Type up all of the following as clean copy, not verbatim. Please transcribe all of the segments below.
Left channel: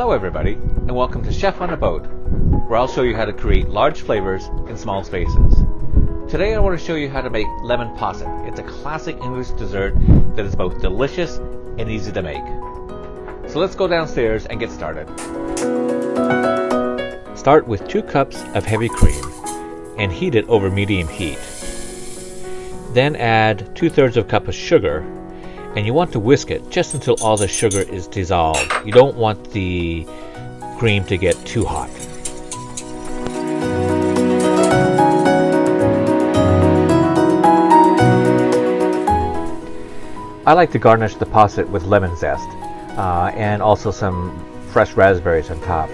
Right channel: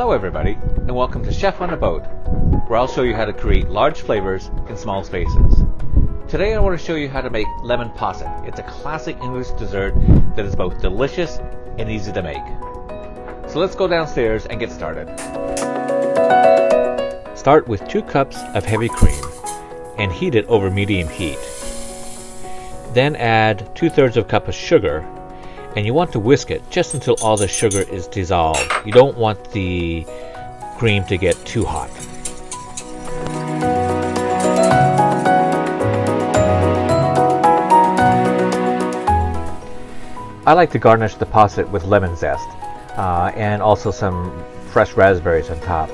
Hello everybody, and welcome to Chef on a Boat, where I'll show you how to create large flavors in small spaces. Today I want to show you how to make lemon posset. It's a classic English dessert that is both delicious and easy to make. So let's go downstairs and get started. Start with 2 cups of heavy cream and heat it over medium heat. Then add 2/3 of a cup of sugar, and you want to whisk it just until all the sugar is dissolved. You don't want the cream to get too hot. I like to garnish the posset with lemon zest and also some fresh raspberries on top.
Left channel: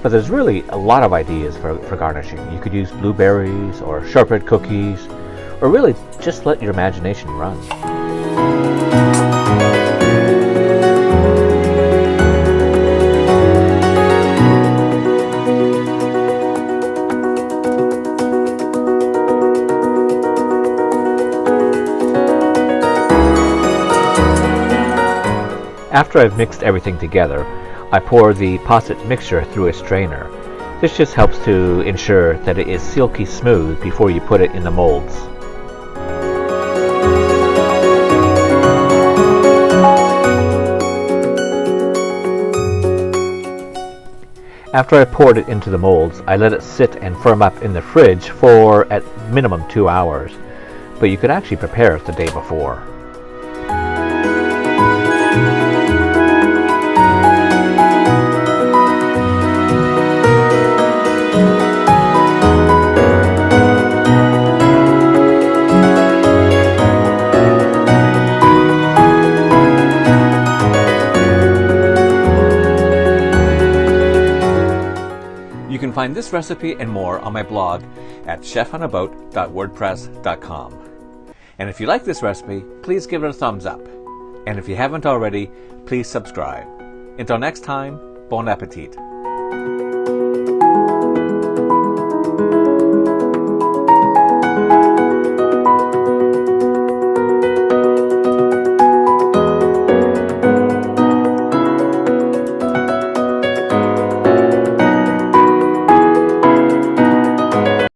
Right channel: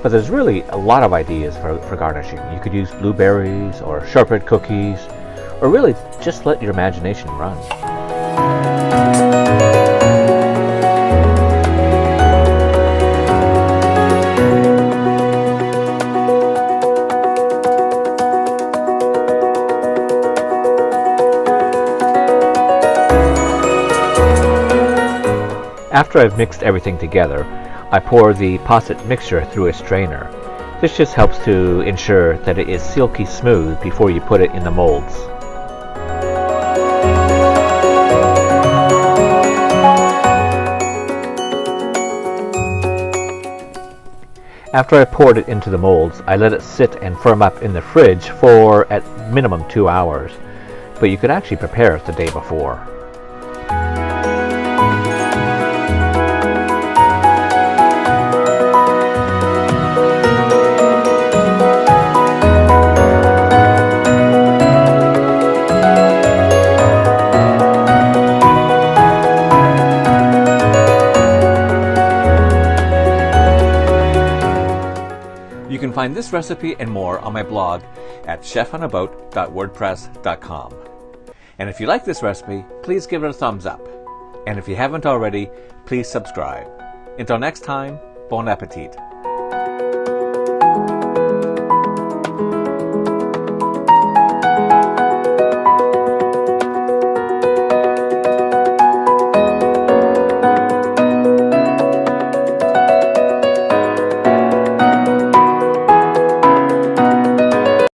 But there's really a lot of ideas for garnishing. You could use blueberries or shortbread cookies, or really just let your imagination run. After I've mixed everything together, I pour the posset mixture through a strainer. This just helps to ensure that it is silky smooth before you put it in the molds. After I poured it into the molds, I let it sit and firm up in the fridge for at minimum 2 hours, but you could actually prepare it the day before. You can find this recipe and more on my blog at chefonaboat.wordpress.com. And if you like this recipe, please give it a thumbs up. And if you haven't already, please subscribe. Until next time, bon appetit.